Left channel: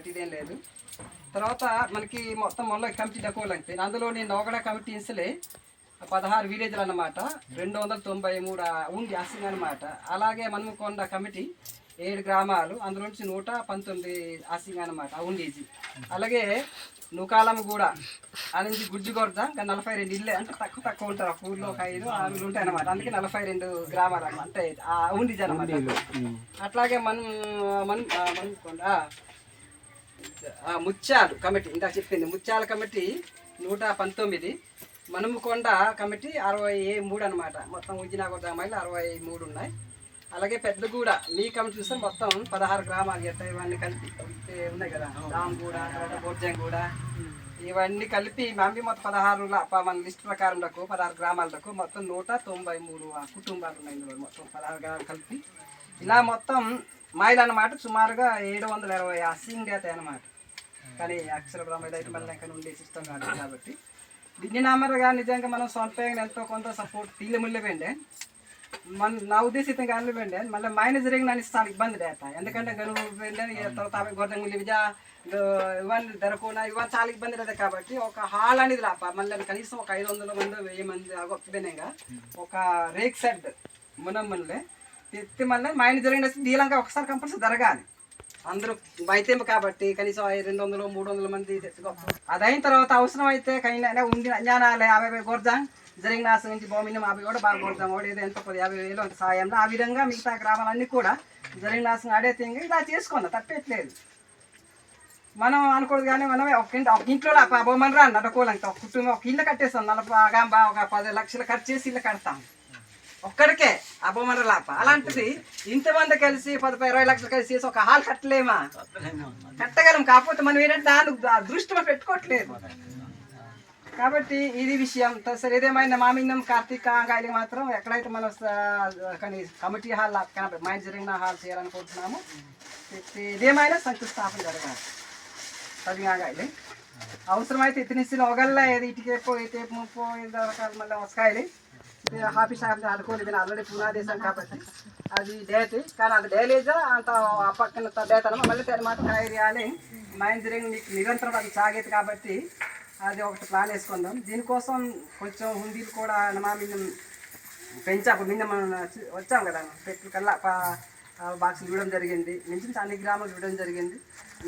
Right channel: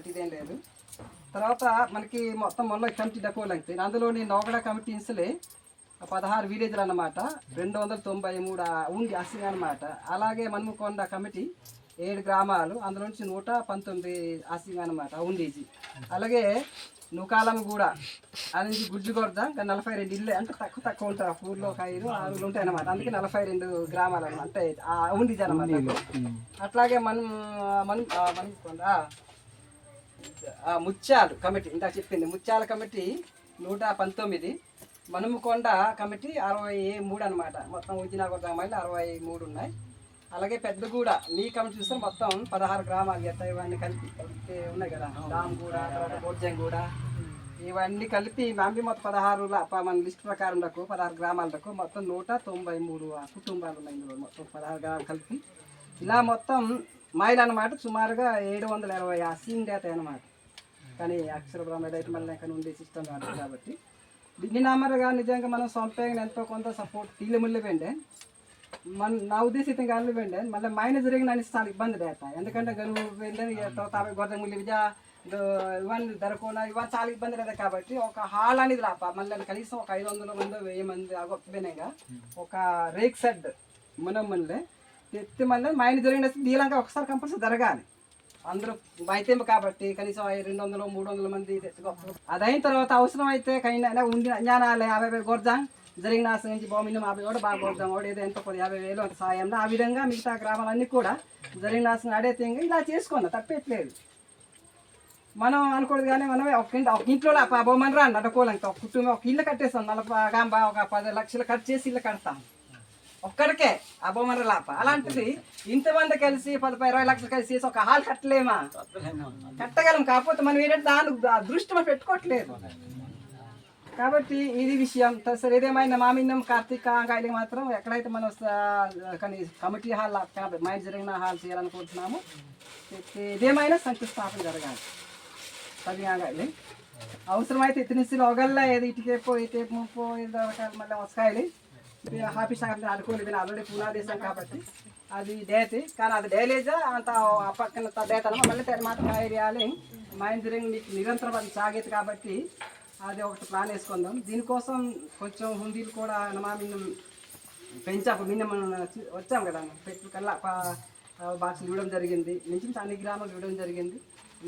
కాబట్టి ఇదేం లేదు. తర్వాత మనకి మొత్తం మొన్న కమిటీ డకోలంటే అందులోని నోగడ కమిటీ ఇన్సలే 16 విలేజ్లు అన్నమాట. 293 ఉంది అసింగ్ అనమాట. అలాగే మన్మకొండ కమిటీ 7 గ్రామాలు, అందులో నుంచి 119 అసింగ్ అనమాట ఉండేది. అలాగే నూకాలం కూడా అనేది గుజ్జుగొర్ద ఇంకా 42 ఇల్లు, అంటే తక్కువ ఉంటారు. ఒక ఊర్లో ఒక 5-6 ఉంటాయి అనమాట. అందుకే 42 గ్రామాలు అనమాట, అంటే ఉండేది అనమాట. అట్లాగే మన్మకొండ ముత్యాలు కమిటీ ఇంకా చెప్పింది. ముత్యాల కమిటీ 119, మనుమకొండ కమిటీ 63 అనమాట. మొత్తం ఉజ్జినాగూడ గ్రామాలు 63 ఉన్నాయి. అలాగే పెద్దగూడ మీ కమిటీ చూస్తే మొత్తం 16 గ్రామాలు ఎట్లా ఇవన్నీ కలిపి ఉన్నాయి కదా. రామగూడ, బొర్జంగూడ ఇవన్నీ కలిపి మమ్మీ మొత్తం 16 మన లిస్ట్ ప్రకారం 16 గ్రామాలకు మొత్తం 193 కుటుంబాలు ఉన్నాయి. ఇందులో మొత్తం 16 గ్రామాలు కలిపి ఇలా మొత్తం మైలు అనమాట. సుమారుగా 720 అసింగ్ అవుతాయి అనమాట. కానీ అక్షర బ్రహ్మ అయితే మళ్ళీ ఇంకా ఉండే సిస్టమ్ కాదు కాబట్టి దీన్ని నమ్మరుగా నిజంగా మనం సొంతంగా ఎంతో కొంత సపోర్ట్ తీలముళ్ళే వెండే నా ఉద్దేశం కానీ వెండే మళ్ళీ మైనస్ జరిగిన నన్ను చాలా ఇబ్బంది అవుతాయి. ఎందుకంటే గనువు వెండే గొర్రెముళ్ళు ఇవన్నీ ధరకుండా ఇవన్నీ చాలా ఇబ్బంది లేదు కాబట్టి ఒక హాల్ అనేది రాప మళ్ళీ కనీసం ఒక 500 మంది 1000 మంది అగొప్పగా ఒక రేక్ సెడ్ మునమ్మలే తెత్తి మళ్ళీ మైనస్ జరిగిన దీలంగా ఒకసారి కంపల్సరీ జరగాలి. అందరూ వైద్యం కాబట్టి కనీసం 200-300 మంది అదైన తర్వాత అవసరం అయితే కైనా ఉంది జ్ఞానాలే 50 గొర్జాం జరిగిన నాశనం నుంచి భూమిని 50 కూడా బాగా గొర్జాం కూడా ఏదో ఎంతో 50,000 అంత సాయంలో ఆ విధంగా మిగతా గ్రామాలన్నీ కూడా జరిగిన నాశనం ఆడే తింగి ఇలా చేసుకున్నాం, తప్పేట్లేదు. మనం అనుకోదు కానీ మనం ఒక ఇంట్లో బొమ్మని రా నడకోలంటే ఒక కుటుంబం ఒక ఇల్లు కట్టేస్తాం. 40 ఒక 10 లక్షలు ఖర్చు చేసి ఇల్లు కడతాం ఒక్కడికే ఆ బొమ్మర లాప. అలాంటిది ఇంతమంది కలిసి 10-20 లక్షలు కలిసి చేసి ఒక హాల్ కట్టలేమా? కట్టగలం. కాకపోతే మనం ఏంటంటే దాన్ని దృష్టిలో పెట్టుకోవట్లేదు కాబట్టి ఇది విషయం. సరే ఏదేమైనా మామిన్నం కార్తీక గాయలు మాత్రం ఎక్కడైతే మనం కమిటీ హాల్ మైండ్ జరిగిన హాల్ చేయాలనుకుంటున్నాము. ఇదేమైనా శంకుస్థాపన జరగాలి. 10 గాయలు అవసరమైతే ఇతనిస్తున్న ఒకళ్ళ ఏది ఇటుకేపో ఇటేపో రకాలు మళ్ళీ వస్తాయి. ఆఫీస్ అనుకోని ఆల్రెడీ పునాదేశం కాబట్టి అది డేట్, కానీ అది డైలేజా అంత పక్కన డేట్ అనమాట. మళ్ళీ మాత్రం కాయలు మైండ్ జరిగిన మీకు నిరంతరం అది సాగేది కాబట్టి అది ఒకటి ప్లాన్ వేసుకుందాం. దీనికోసం కొంచెం హుండీలు కూడా నమామిన్నం పెంచాము. నిన్న మనం వచ్చాం కదా, పెట్రోల్ కల్లా బాక్సులు ఇవ్వడం జరిగింది. నుంచి అన్ని గ్రామాలు ఇవ్వడం జరిగింది.